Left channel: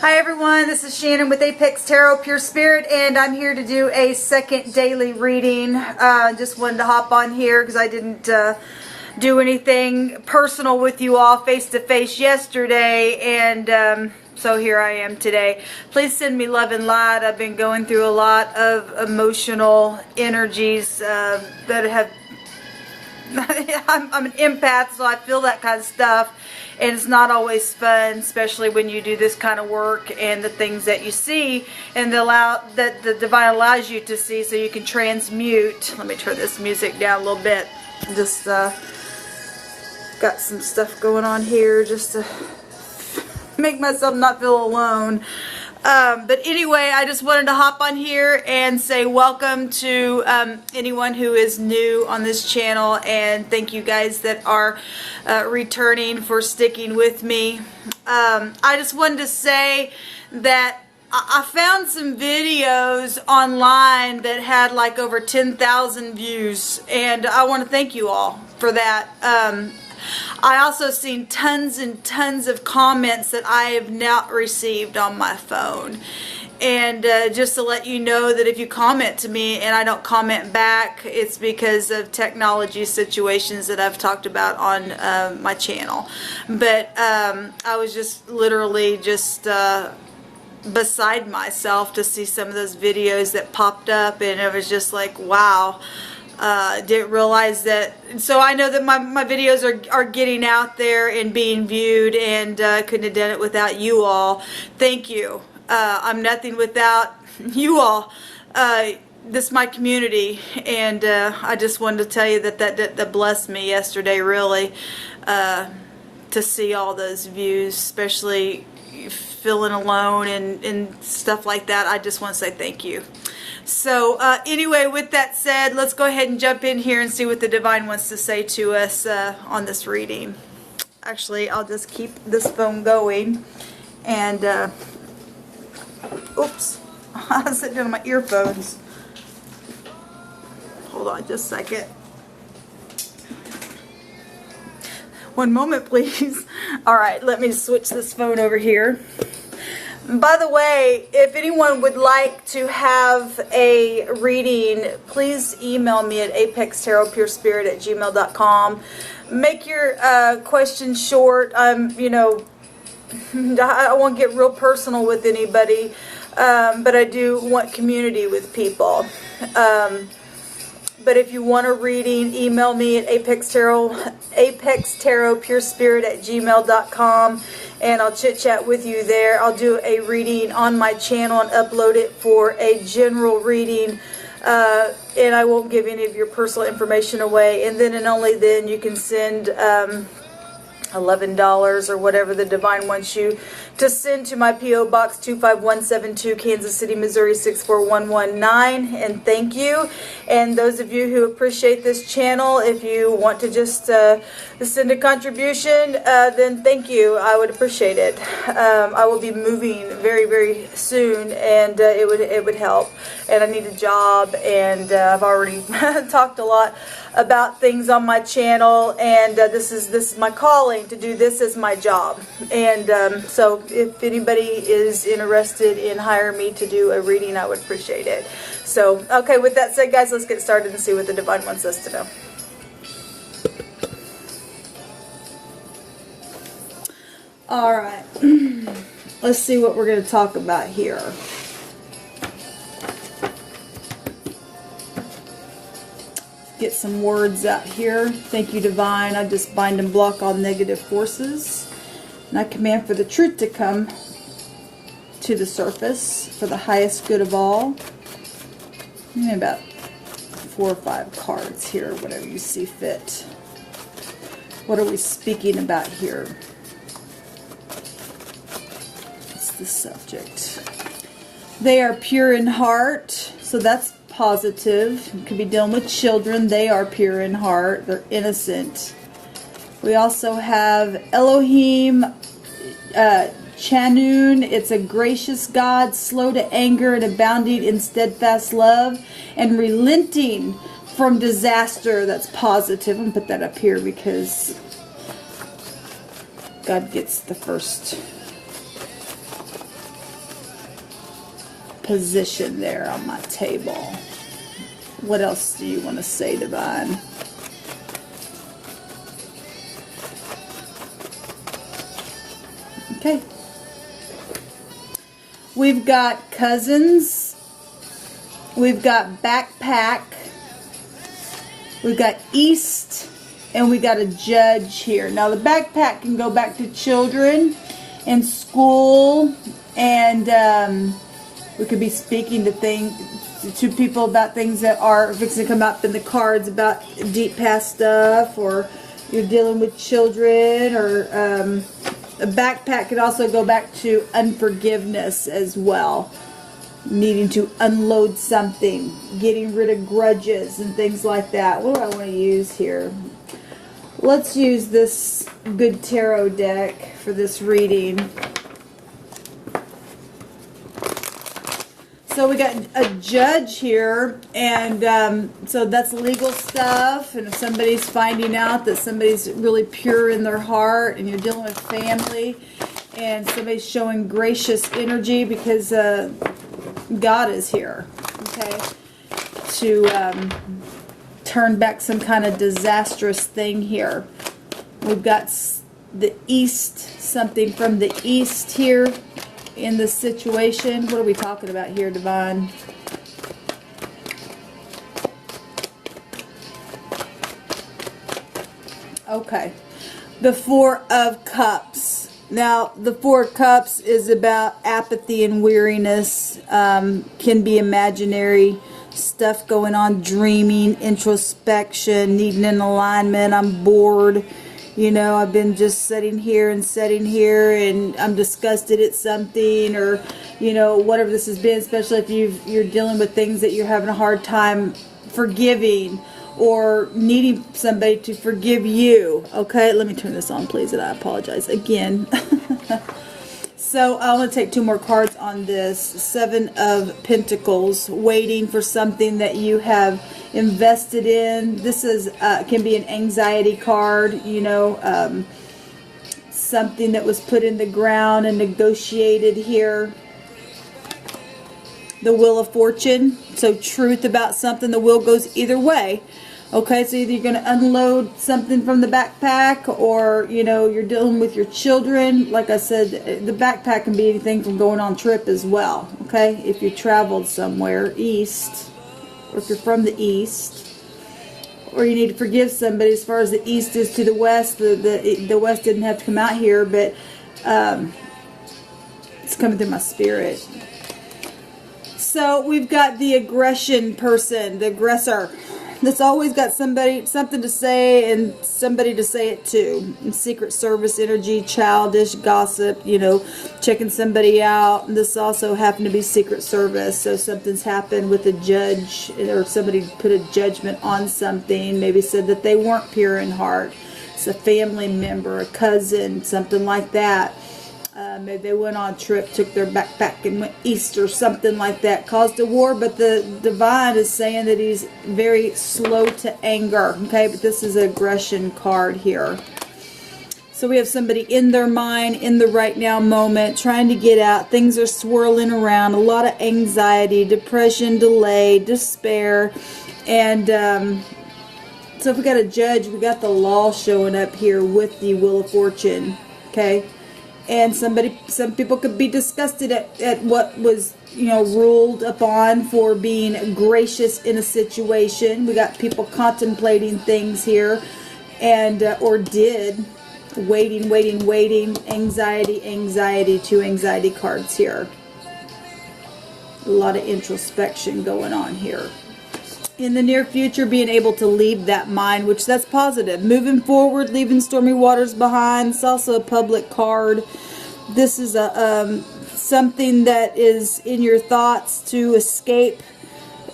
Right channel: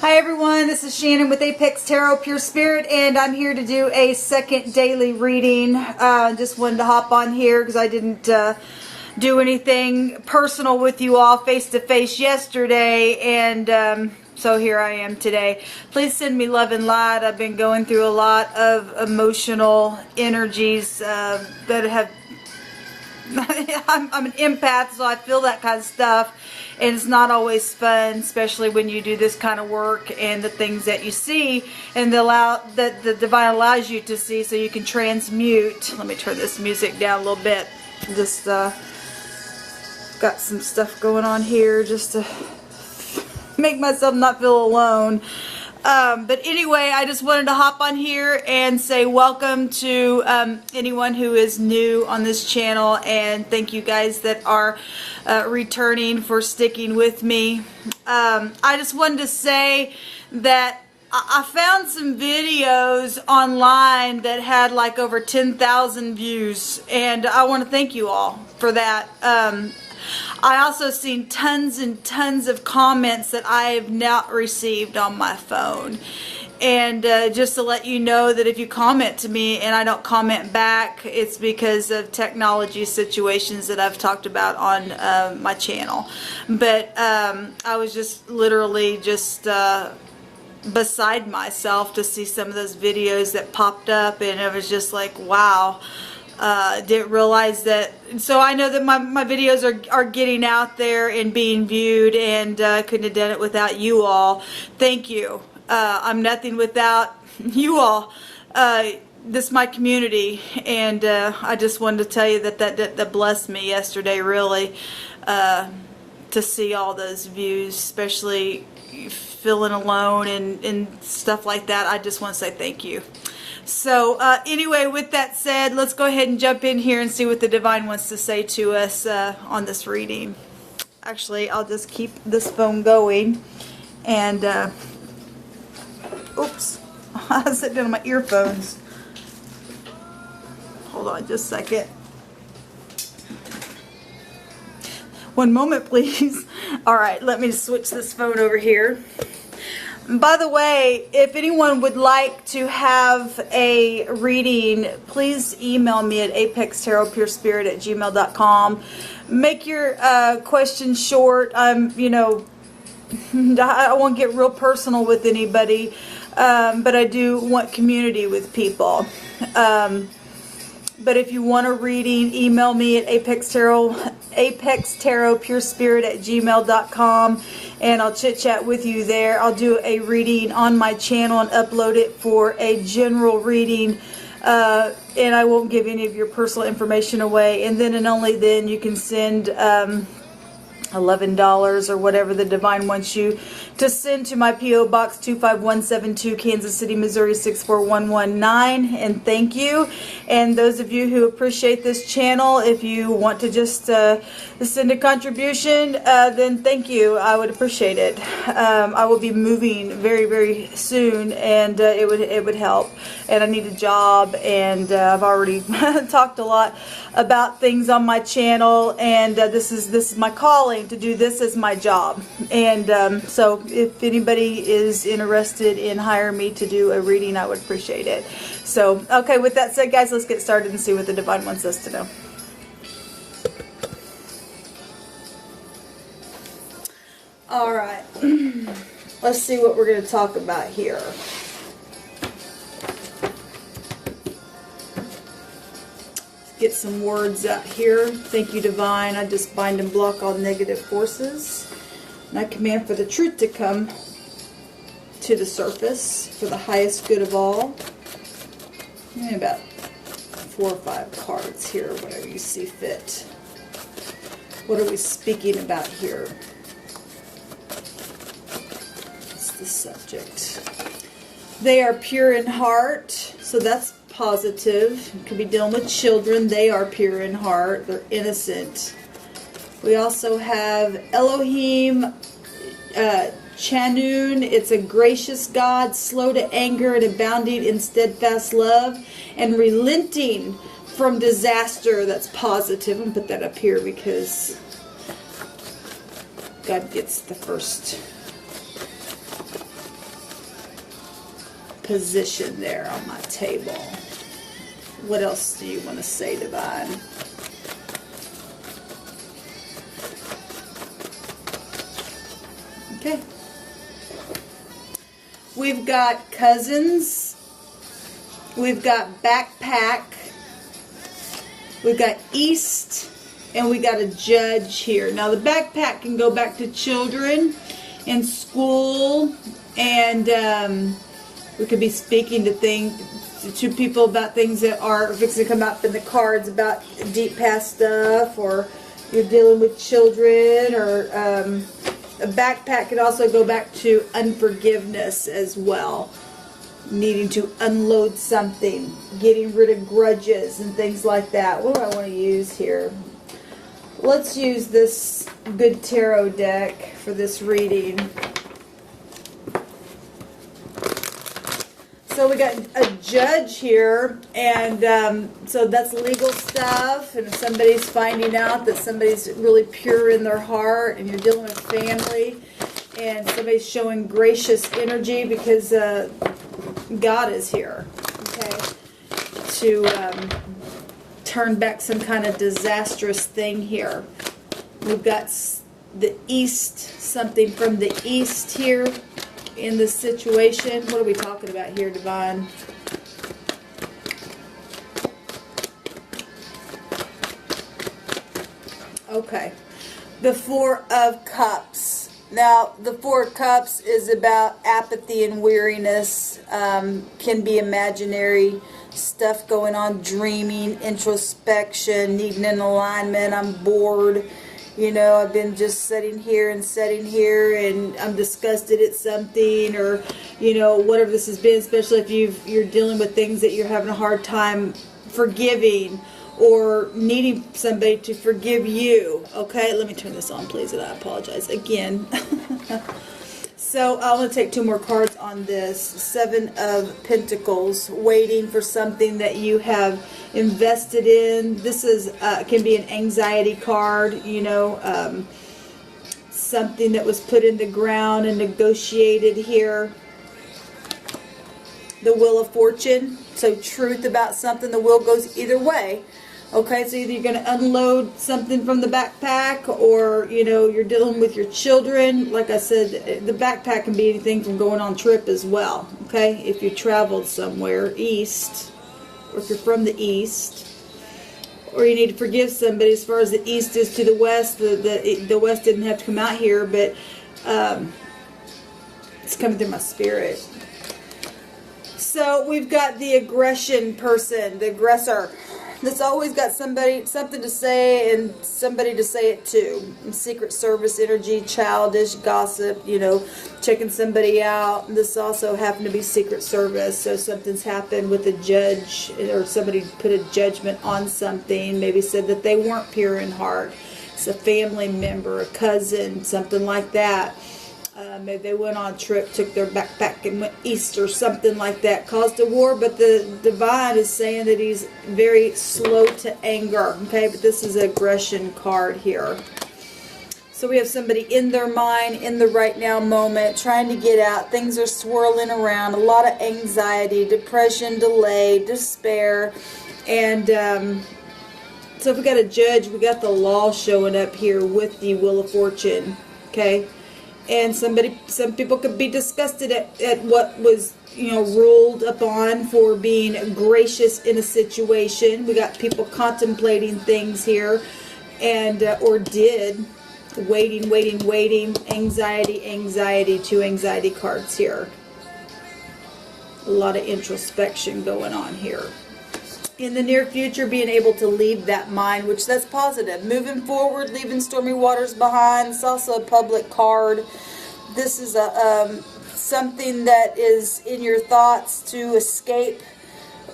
Hi everyone, this is Shannon with Apex Tarot Pure Spirit, and I'm here to do a second daily reading. Just wanted to hop on here because I didn't do anything personal with you all face-to-face yesterday, and so here I am today. Please send me love and light. I've been going through a lot of emotional energies that have... I'm an empath, so I feel that kind of stuff. And it's not always fun, especially when you do this kind of work and the things that you see and that the divine allows you to see so you can transmute. Let me turn this music down a little bit. Just got some stuff going on here just to make myself not feel alone. But anyway, I just wanted to hop on here and say welcome to anyone who is new on this channel, and thank you guys that are returning for sticking with me. I just wanted to say that I found some videos online that had like over 10,000 views, and I want to thank you all for that. I also seen tons and tons of comments that I have not received on my phone. And just to let you know that if you comment to me and I don't comment back, it's because of technology situations that I've talked about on my channel. But I was just literally just beside myself to see some of those videos that popped up, and it was just like, wow. Didn't realize that. So I know that my videos are getting out there and being viewed, and couldn't have done it without you all. Thank you. I'm nothing without you all. This is my community, and I just wanted to tell you that blessed me yesterday, really, to see all those views, especially feeling alone and stuff like that. I just want to say thank you. So anyway, with that said, let's go ahead and jump in here and see what the divine wants to say to us on this reading. Actually, I'll just keep this phone going. And, oops, I was sitting on my earphones. Hold on just a second. One moment, please. All right, let me switch this phone over here. By the way, if anyone would like to have a reading, please email me at apextarotpurespirit@gmail.com. Make your questions short. You know, I won't get real personal with anybody, but I do want community with people. But if you want a reading, email me at apextarotpurespirit@gmail.com, and I'll chit-chat with you there. I'll do a reading on my channel and upload it for a general reading, and I won't give any of your personal information away. And then and only then you can send $11 or whatever the divine wants you to send to my P.O. Box 25172, Kansas City, Missouri 64119. And thank you. And those of you who appreciate this channel, if you want to just send a contribution, then thank you. I would appreciate it. I will be moving very, very soon, and it would help. And I need a job, and I've already talked a lot about things on my channel, and this is my calling to do this as my job. And so if anybody is interested in hiring me to do a reading, I would appreciate it. So okay, with that said, guys, let's get started and see what the divine wants us to know. All right, let's see what we're going to talk about here. Get some words out here. Thank you, divine. I just bind and block all negative forces. And I command for the truth to come to the surface for the highest good of all. Give me about 4 or 5 cards here, whatever you see fit. What are we speaking about here? What's the subject? They are pure in heart, so that's positive. It could be dealing with children. They are pure in heart. They're innocent. We also have Elohim Chanun. It's a gracious God, slow to anger and abounding in steadfast love, and relenting from disaster. That's positive. And put that up here because God gets the first position there on my table. What else do you want to say, Divine? Okay. We've got cousins. We've got backpack. We've got east. And we got a judge here. Now the backpack can go back to children in school. And we could be speaking to people about things that are fixing to come up in the cards about deep past stuff, or you're dealing with children, or a backpack can also go back to unforgiveness as well. Needing to unload something, getting rid of grudges and things like that. What do I want to use here? Let's use this good tarot deck for this reading. So we got a judge here, and so that's legal stuff, and if somebody's finding out that somebody's really pure in their heart, and you're dealing with family, and somebody's showing gracious energy because God is here, okay, to turn back some kind of disastrous thing here. We've got the east, something from the east here in this situation. What are we talking about here, Divine? Okay. The Four of Cups. Now, the Four of Cups is about apathy and weariness. Can be imaginary stuff going on, dreaming, introspection, needing an alignment. I'm bored. You know, I've been just sitting here, and I'm disgusted at something, or, you know, whatever this has been, especially if you're dealing with things that you're having a hard time forgiving, or needing somebody to forgive you. Okay, let me turn this on, please, and I apologize again. So I want to take two more cards on this. Seven of Pentacles, waiting for something that you have invested in. This is can be an anxiety card, you know, something that was put in the ground and negotiated here. The Wheel of Fortune, so truth about something. The wheel goes either way. Okay, so either you're going to unload something from the backpack, or, you know, you're dealing with your children. Like I said, the backpack can be anything from going on trip as well. Okay, if you traveled somewhere east, or if you're from the east, or you need to forgive somebody. As far as the east is to the west, the west didn't have to come out here, but it's coming through my spirit. So we've got the aggression person, the aggressor, that's always got something to say, and somebody to say it to. And Secret Service energy, childish, gossip, you know, checking somebody out. And this also happened to be Secret Service, so something's happened with a judge, or somebody put a judgment on something, maybe said that they weren't pure in heart. It's a family member, a cousin, something like that. Maybe they went on a trip, took their backpack and went east or something like that. Caused a war, but the Divine is saying that he's very slow to anger. Okay, but this is an aggression card here. So we have somebody in their mind, in the right now moment, trying to get out. Things are swirling around. A lot of anxiety, depression, delay, despair. And so if we got a judge, we got the law showing up here with the Wheel of Fortune. Okay. And some people could be disgusted at what was, you know, ruled upon for being gracious in a situation. We got people contemplating things here, and or did, waiting, anxiety, two anxiety cards here. A lot of introspection going on here. In the near future, being able to lead that mind, which that's positive. Moving forward, leaving stormy waters behind. It's also a public card. This is a something that is in your thoughts to escape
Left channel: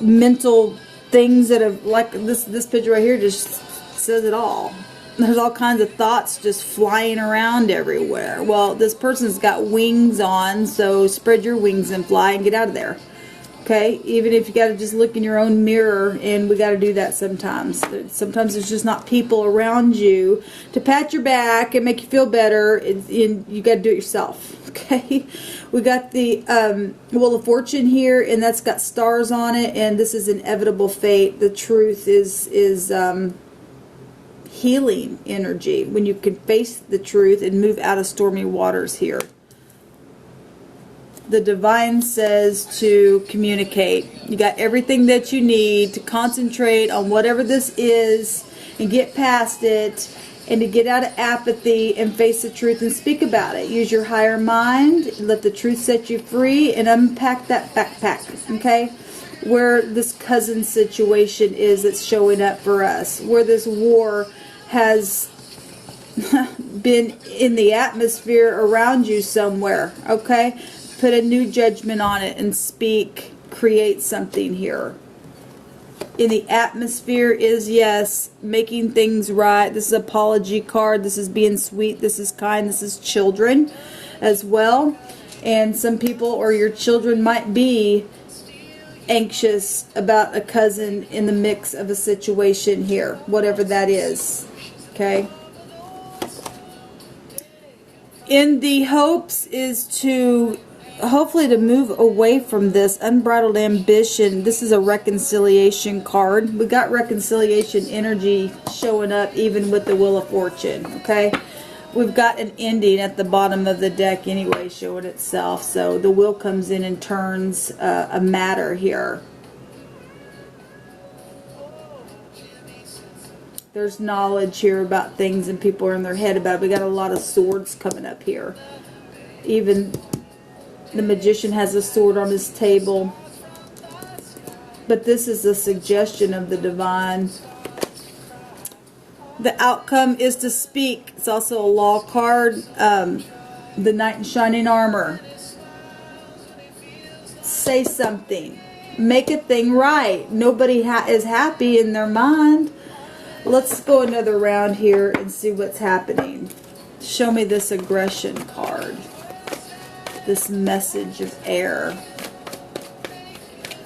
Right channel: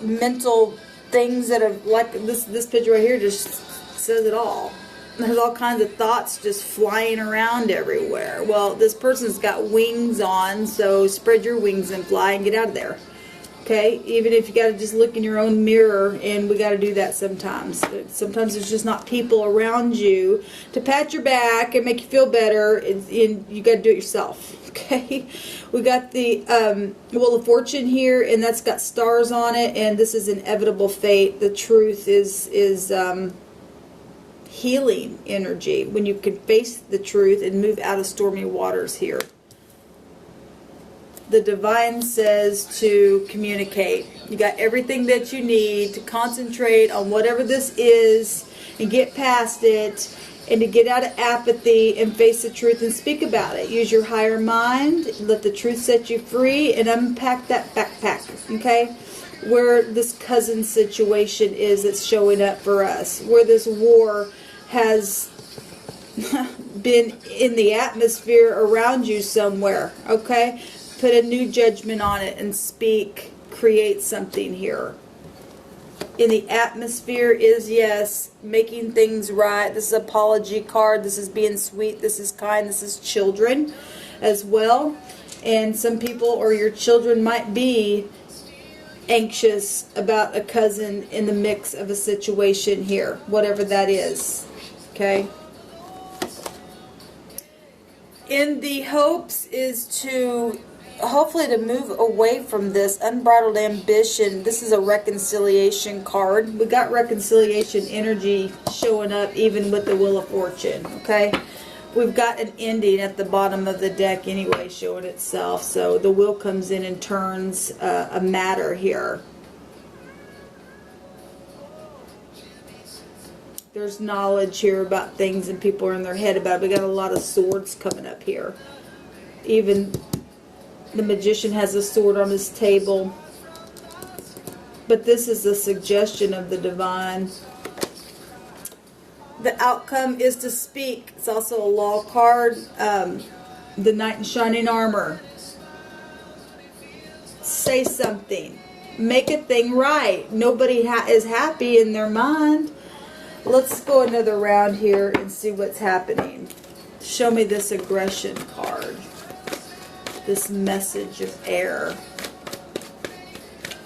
mental things that have, like this picture right here just says it all. There's all kinds of thoughts just flying around everywhere. Well, this person's got wings on, so spread your wings and fly and get out of there. Okay, even if you got to just look in your own mirror, and we got to do that sometimes. Sometimes there's just not people around you to pat your back and make you feel better, and you got to do it yourself. Okay, we got the Wheel of Fortune here, and that's got stars on it, and this is inevitable fate. The truth is healing energy when you can face the truth and move out of stormy waters here. The divine says to communicate. You got everything that you need to concentrate on whatever this is and get past it, and to get out of apathy and face the truth and speak about it. Use your higher mind, let the truth set you free, and unpack that backpack, okay? Where this cousin situation is that's showing up for us, where this war has been in the atmosphere around you somewhere, okay? Put a new judgment on it and speak, create something here. In the atmosphere is, yes, making things right. This is apology card. This is being sweet. This is kind. This is children as well. And some people or your children might be anxious about a cousin in the mix of a situation here, whatever that is. Okay? In the hopes is to hopefully to move away from this unbridled ambition. This is a reconciliation card. We got reconciliation energy showing up even with the Wheel of Fortune. Okay, we've got an ending at the bottom of the deck anyway showing itself, so the wheel comes in and turns a matter here. There's knowledge here about things and people are in their head about it. We got a lot of swords coming up here. Even the magician has a sword on his table. But this is the suggestion of the divine. The outcome is to speak. It's also a law card. The Knight in Shining Armor. Say something. Make a thing right. Nobody is happy in their mind. Let's go another round here and see what's happening. Show me this aggression card. This message of air.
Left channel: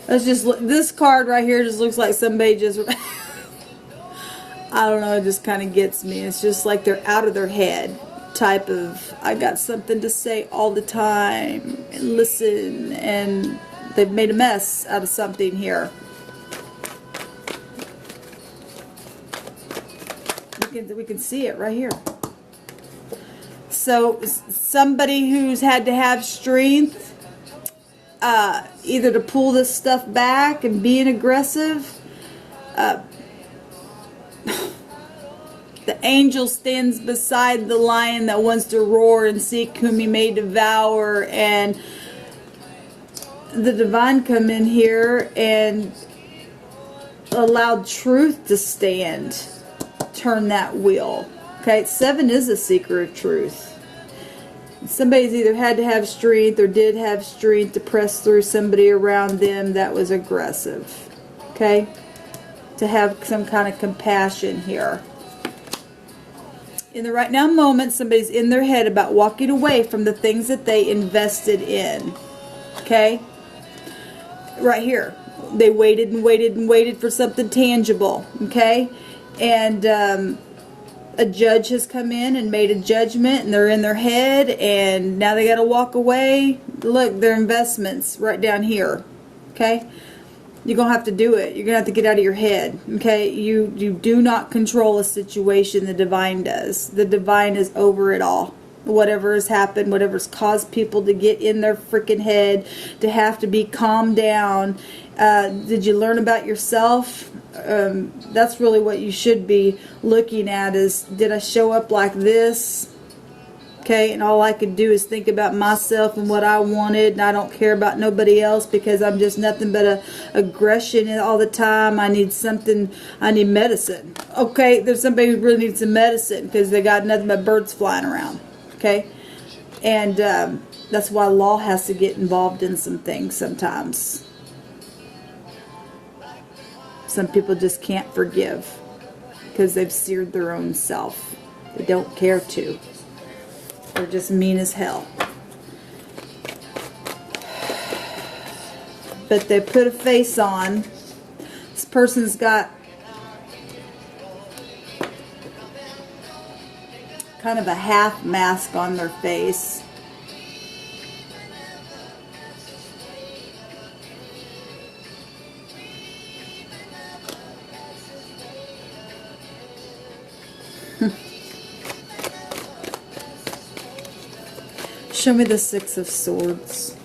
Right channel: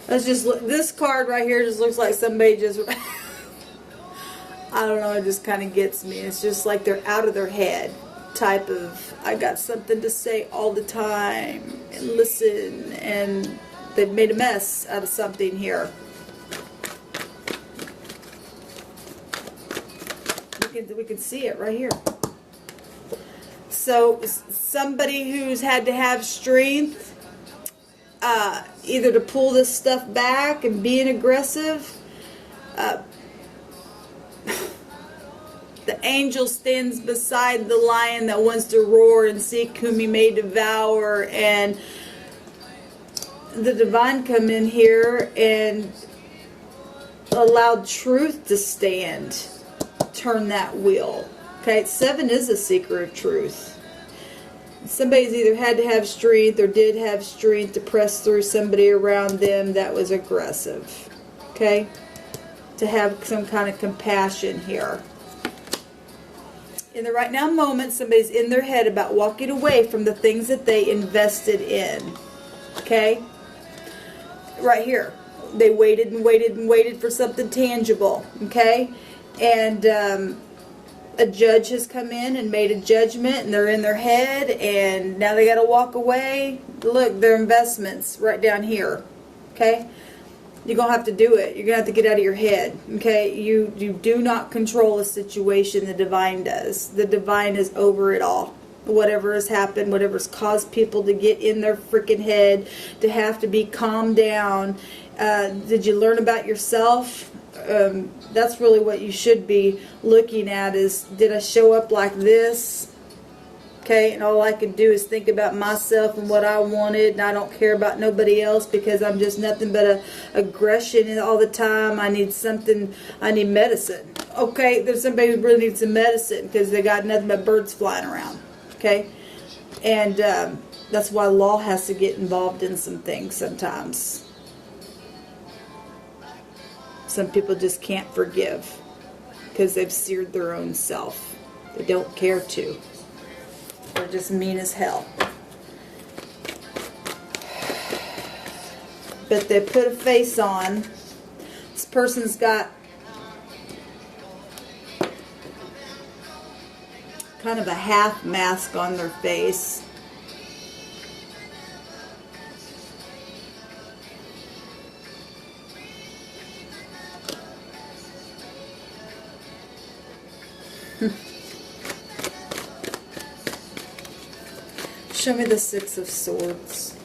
Let's just look. This card right here just looks like somebody just I don't know, it just kind of gets me. It's just like they're out of their head type of, I got something to say all the time and listen, and they've made a mess out of something here. We can see it right here. So somebody who's had to have strength either to pull this stuff back and being aggressive. The angel stands beside the lion that wants to roar and seek whom he may devour, and the divine come in here and allowed truth to stand. Turn that wheel. Okay, 7 is a seeker of truth. Somebody's either had to have strength or did have strength to press through somebody around them that was aggressive. Okay, to have some kind of compassion here. In the right now moment, somebody's in their head about walking away from the things that they invested in. Okay, right here, they waited and waited and waited for something tangible. Okay. And a judge has come in and made a judgment, and they're in their head, and now they got to walk away. Look, their investments right down here. Okay, you're gonna have to do it. You're gonna have to get out of your head. Okay, you do not control a situation. The divine does. The divine is over it all. Whatever has happened, whatever's caused people to get in their freaking head, to have to be calmed down. Did you learn about yourself? That's really what you should be looking at is, did I show up like this? Okay, and all I could do is think about myself and what I wanted, and I don't care about nobody else because I'm just nothing but aggression all the time. I need something, I need medicine. Okay, there's somebody who really needs some medicine because they got nothing but birds flying around. Okay, and that's why law has to get involved in some things sometimes. Some people just can't forgive because they've seared their own self. They don't care to. They're just mean as hell. but they put a face on. This person's got kind of a half mask on their face. Show me the Six of Swords.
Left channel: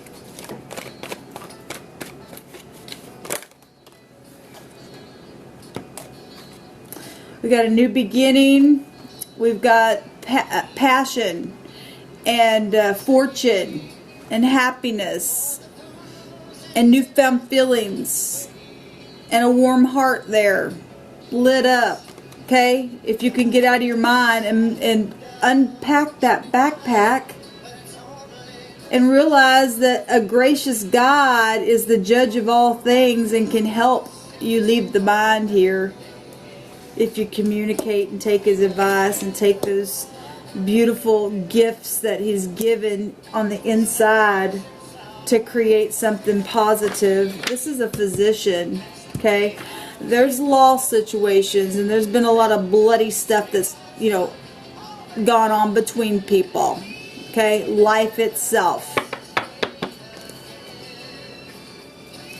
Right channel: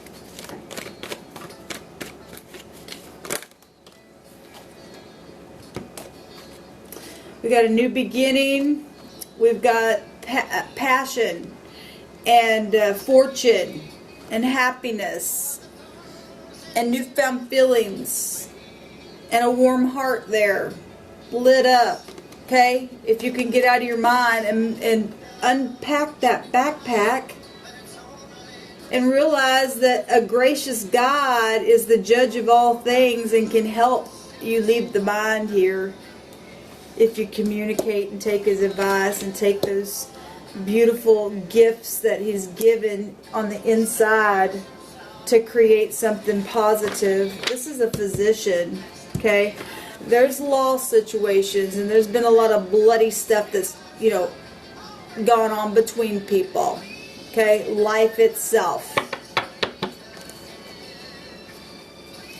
We got a new beginning. We've got passion and fortune and happiness and newfound feelings and a warm heart there, lit up. Okay, if you can get out of your mind and unpack that backpack and realize that a gracious God is the judge of all things and can help you leave the mind here if you communicate and take his advice and take those beautiful gifts that he's given on the inside to create something positive. This is a physician, okay? There's law situations and there's been a lot of bloody stuff that's, you know, gone on between people. Okay, life itself.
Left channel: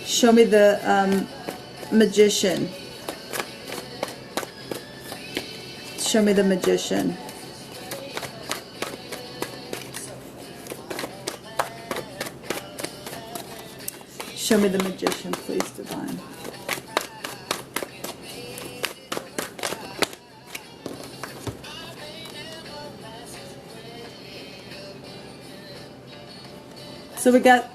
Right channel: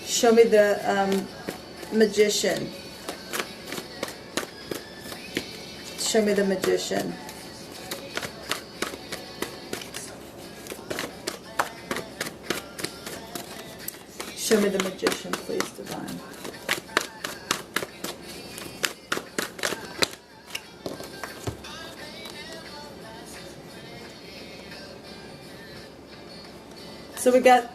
Show me the magician. Show me the magician. Show me the magician, please, Divine. So we got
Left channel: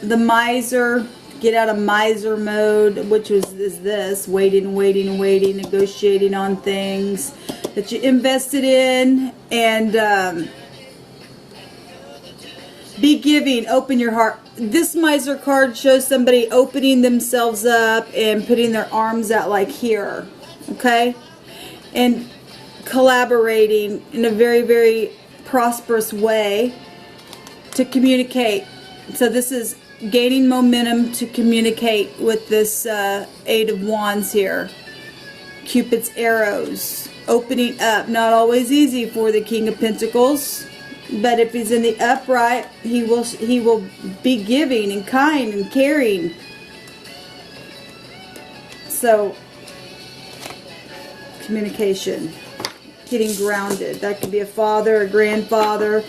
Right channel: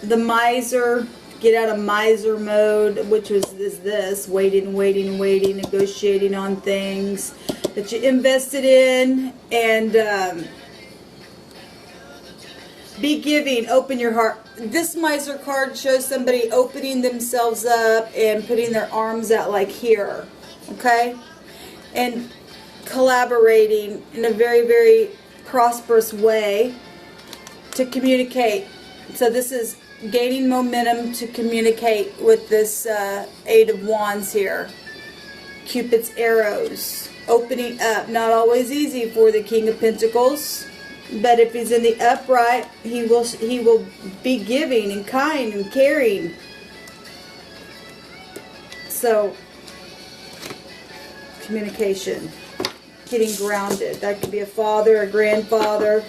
the miser, get out of miser mode, which is this, waiting, negotiating on things that you invested in, and be giving, open your heart. This miser card shows somebody opening themselves up and putting their arms out like here, okay? And collaborating in a very, very prosperous way to communicate. So this is gaining momentum to communicate with this Eight of Wands here. Cupid's arrows, opening up. Not always easy for the King of Pentacles, but if he's in the upright, he will be giving and kind and caring. So communication, getting grounded. That could be a father, a grandfather.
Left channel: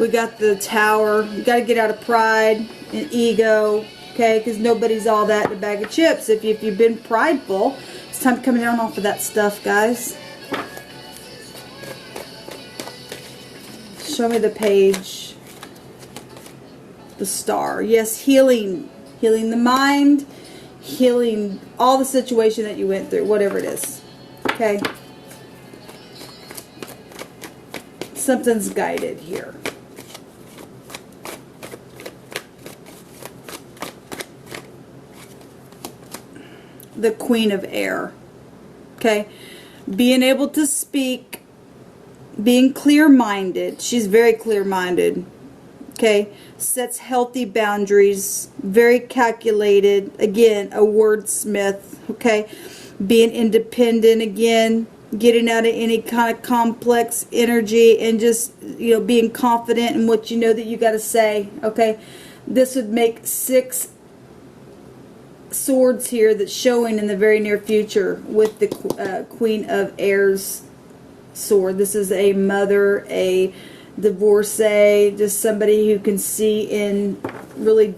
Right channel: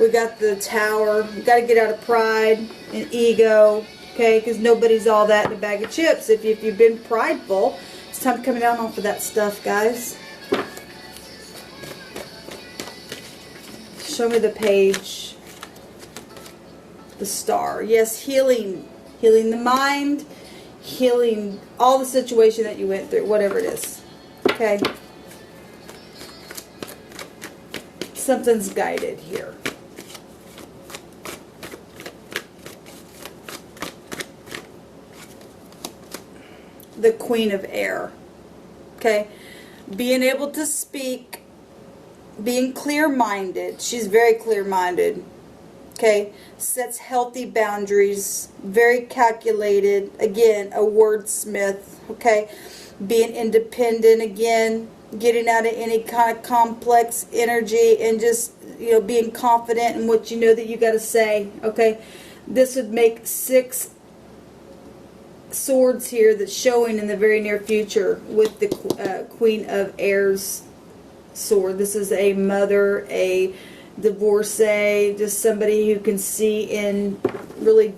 We got the Tower. You got to get out of pride and ego, okay? Because nobody's all that in a bag of chips. If you've been prideful, it's time to come down off of that stuff, guys. Show me the Page. The Star. Yes, healing. Healing the mind. Healing all the situation that you went through, whatever it is. Okay? Something's guided here. The Queen of Air. Okay? Being able to speak, being clear-minded. She's very clear-minded. Okay? Sets healthy boundaries. Very calculated. Again, a wordsmith. Okay? Being independent again. Getting out of any kind of complex energy and just, you know, being confident in what you know that you got to say. Okay? This would make 6 swords here that's showing in the very near future with the Queen of Air's sword. This is a mother, a divorcee, just somebody who can see in really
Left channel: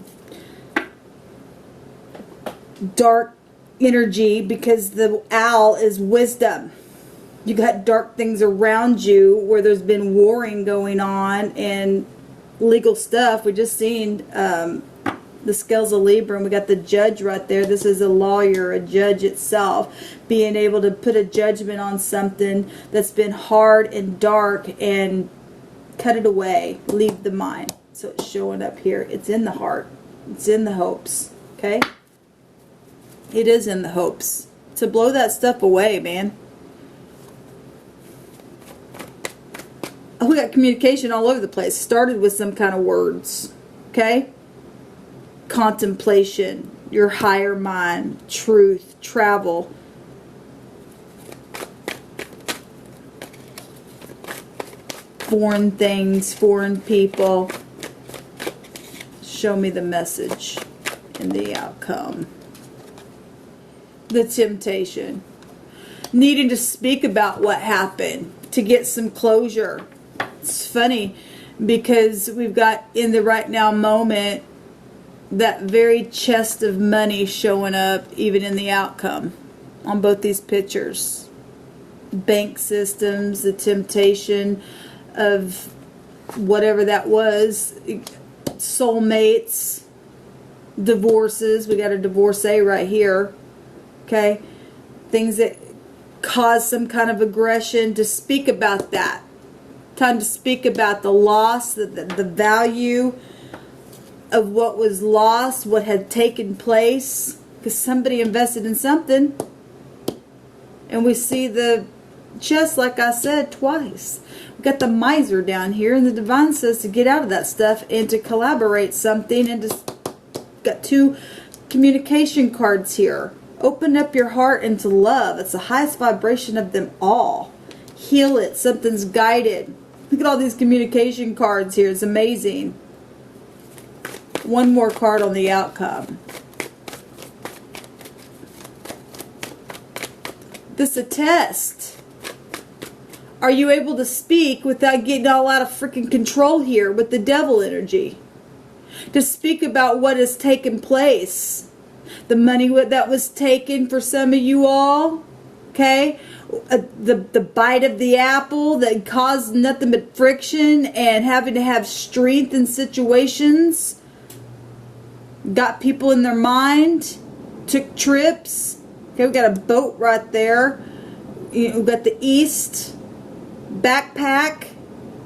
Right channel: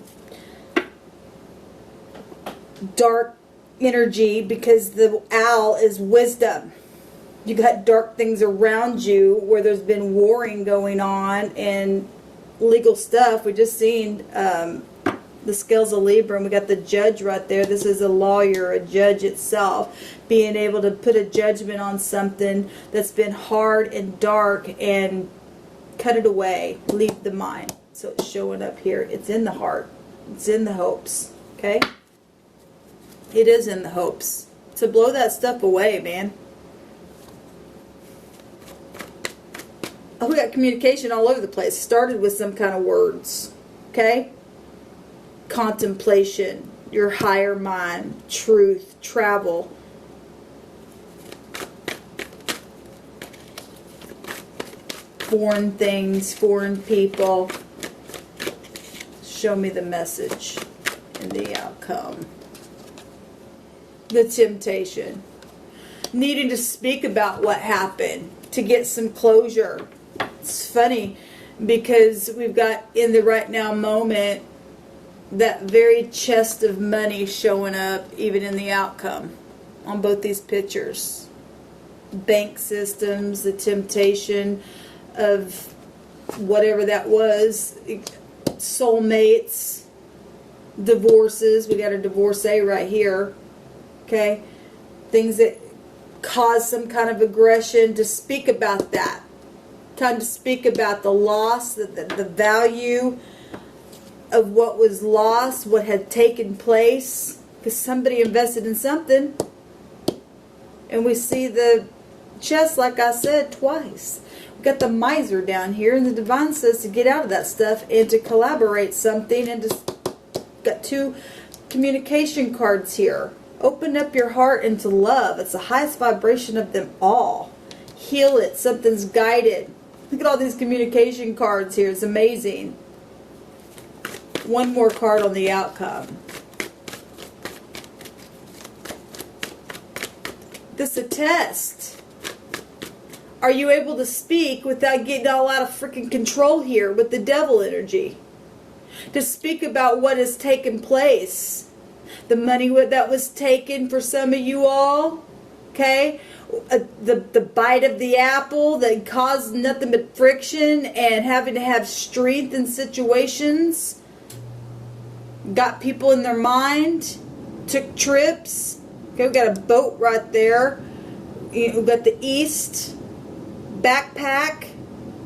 dark energy, because the owl is wisdom. You got dark things around you where there's been warring going on and legal stuff. We just seen the scales of Libra, and we got the judge right there. This is a lawyer, a judge itself, being able to put a judgment on something that's been hard and dark and cut it away, leave the mind. So it's showing up here. It's in the heart. It's in the hopes. Okay? It is in the hopes. To blow that stuff away, man. Oh, we got communication all over the place. Started with some kind of words. Okay? contemplation, your higher mind, truth, travel. Foreign things, foreign people. Show me the message and the outcome. The temptation. Needing to speak about what happened to get some closure. It's funny because we've got in the right now moment that very chest of money showing up even in the outcome on both these pictures. Bank systems, the temptation of whatever that was, soulmates, divorces. We got a divorcee right here. Okay, things that cause some kind of aggression. To speak about that. Time to speak about the loss, the value of what was lost, what had taken place, because somebody invested in something. And we see the chest, like I said, twice. We've got the miser down here, and the divine says to get out of that stuff and to collaborate something, and just got two communication cards here. Open up your heart into love. It's the highest vibration of them all. Heal it. Something's guided. Look at all these communication cards here. It's amazing. One more card on the outcome. This is a test. Are you able to speak without getting all out of freaking control here with the devil energy? To speak about what has taken place. The money that was taken for some of you all. Okay? The bite of the apple that caused nothing but friction and having to have strength in situations. Got people in their mind. Took trips. Okay, we've got a boat right there. We've got the east. Backpack.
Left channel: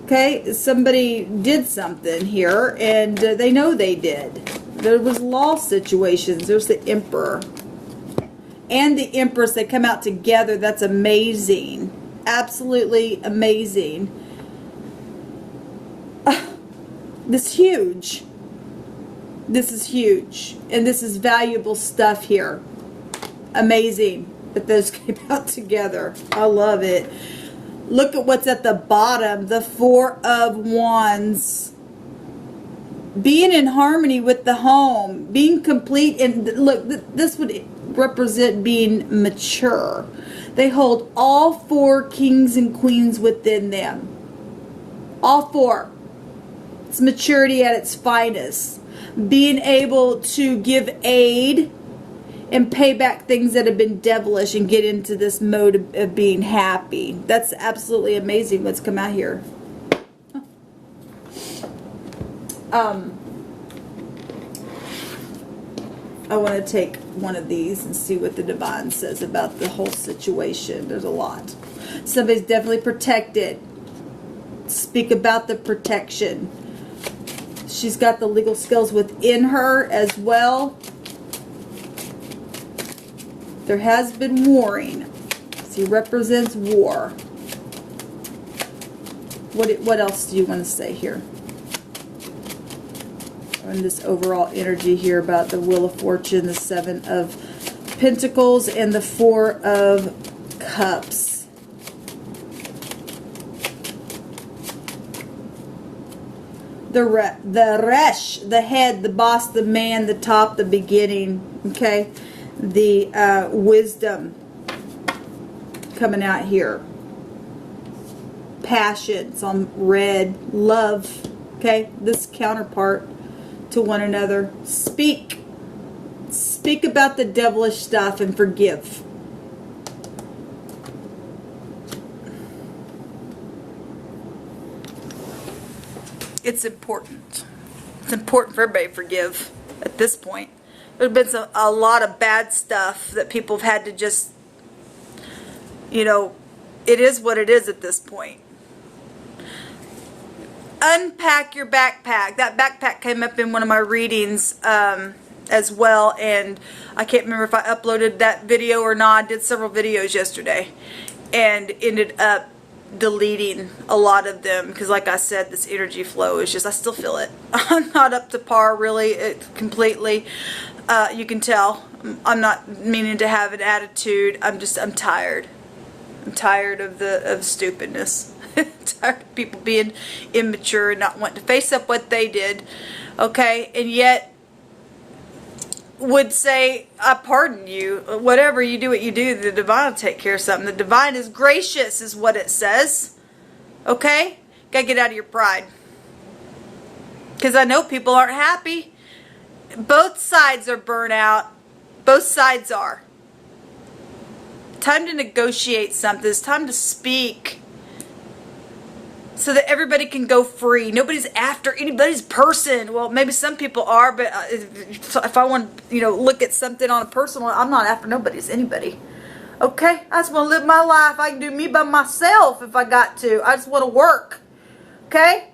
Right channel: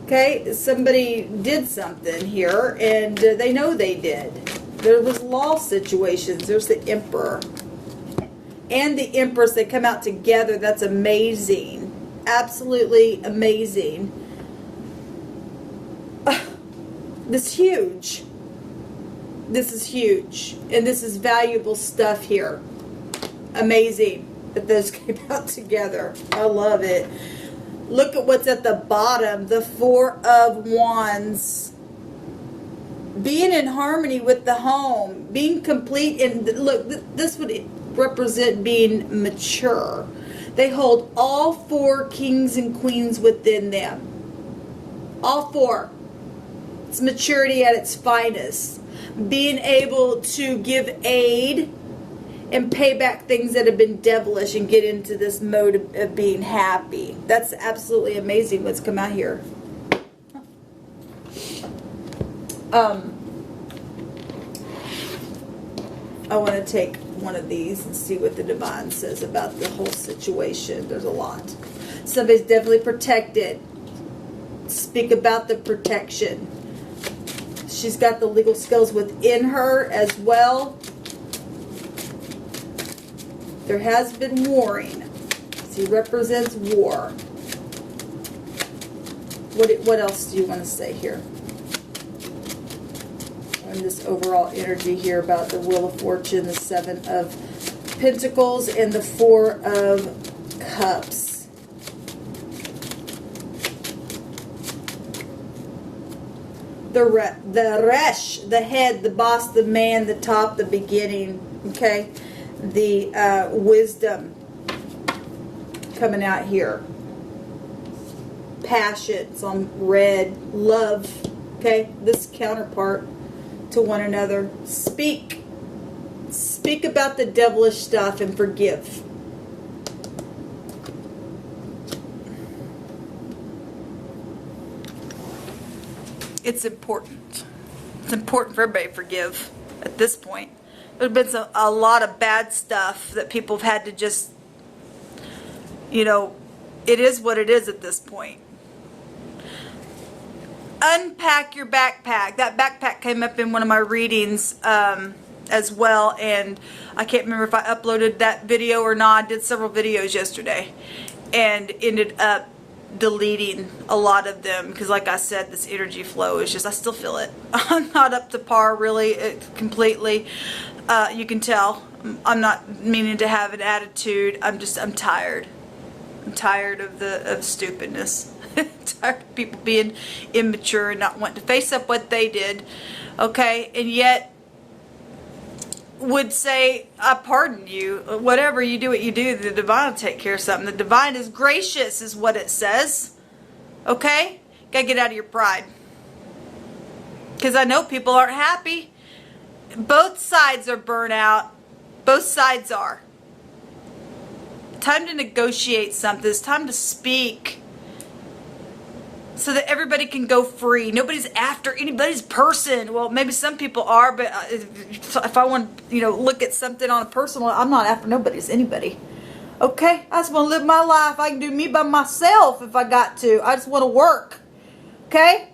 Okay, somebody did something here and they know they did. There was law situations. There's the Emperor. And the Empress, they come out together. That's amazing. Absolutely amazing. This is huge. This is huge. And this is valuable stuff here. Amazing that those came out together. I love it. Look at what's at the bottom. The Four of Wands. Being in harmony with the home. Being complete. And look, this would represent being mature. They hold all four kings and queens within them. All four. It's maturity at its finest. Being able to give aid and pay back things that have been devilish and get into this mode of being happy. That's absolutely amazing what's come out here. I want to take one of these and see what the divine says about the whole situation. There's a lot. Somebody's definitely protected. Speak about the protection. She's got the legal skills within her as well. There has been warring. She represents war. What else do you want to say here? And this overall energy here about the Wheel of Fortune, the Seven of Pentacles, and the Four of Cups. The Resh, the head, the boss, the man, the top, the beginning. Okay, the wisdom coming out here. Passions on red, love. Okay, this counterpart to one another. Speak about the devilish stuff and forgive. It's important. It's important for everybody to forgive at this point. There's been a lot of bad stuff that people have had to just, you know, it is what it is at this point. Unpack your backpack. That backpack came up in one of my readings as well, and I can't remember if I uploaded that video or not. I did several videos yesterday and ended up deleting a lot of them, because like I said, this energy flow is just, I still feel it. I'm not up to par really, completely. You can tell I'm not meaning to have an attitude. I'm tired. I'm tired of the stupidness. Tired of people being immature and not wanting to face up what they did. Okay, and yet would say, I pardon you. Whatever you do, what you do, the divine will take care of something. The divine is gracious, is what it says. Okay? Gotta get out of your pride. Because I know people aren't happy. Both sides are burnt out. Both sides are. Time to negotiate something. It's time to speak. So that everybody can go free. Nobody's after anybody's person. Well, maybe some people are, but if I want to, look at something on a personal, I'm not after nobody's anybody. Okay? I just want to live my life. I can do me by myself if I got to. I just want to work. Okay?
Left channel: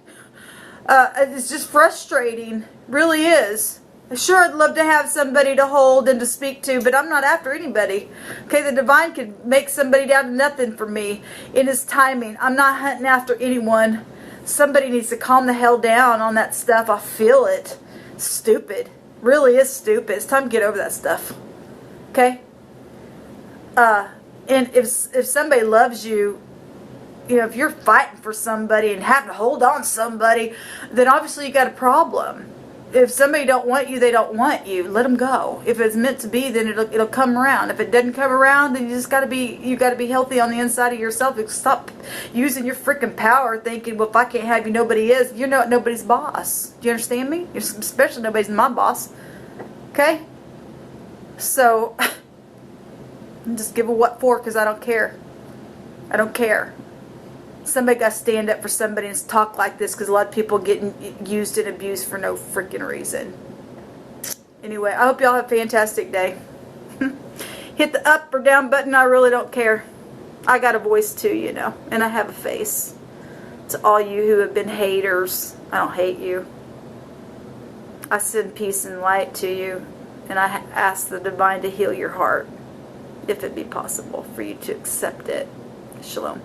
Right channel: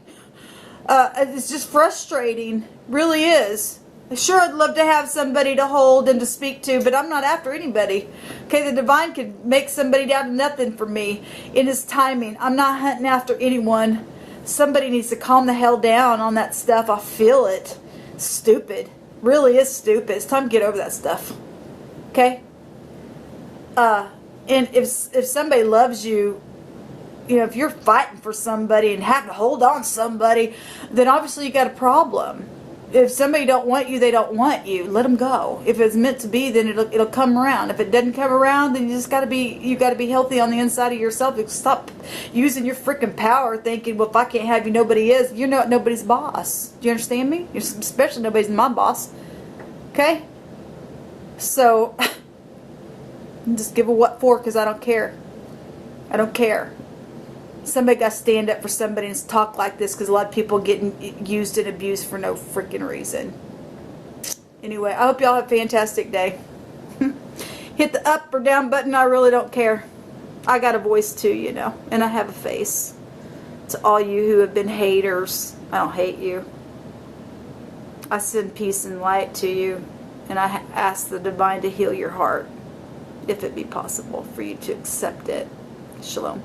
It's just frustrating. Really is. Sure, I'd love to have somebody to hold and to speak to, but I'm not after anybody. Okay, the divine could make somebody down to nothing for me in his timing. I'm not hunting after anyone. Somebody needs to calm the hell down on that stuff. I feel it. Stupid. Really is stupid. It's time to get over that stuff. Okay? And if somebody loves you, if you're fighting for somebody and having to hold on to somebody, then obviously you got a problem. If somebody don't want you, they don't want you. Let them go. If it's meant to be, then it'll come around. If it doesn't come around, then you got to be healthy on the inside of yourself. Stop using your freaking power, thinking, well, if I can't have you, nobody is. You're not nobody's boss. Do you understand me? Especially nobody's my boss. Okay. So just give a what for, because I don't care. I don't care. Somebody got to stand up for somebody and talk like this, because a lot of people getting used and abused for no freaking reason. Anyway, I hope y'all have a fantastic day. Hit the up or down button. I really don't care. I got a voice too, and I have a face. To all you who have been haters, I don't hate you. I send peace and light to you, and I ask the divine to heal your heart, if it be possible for you to accept it. Shalom.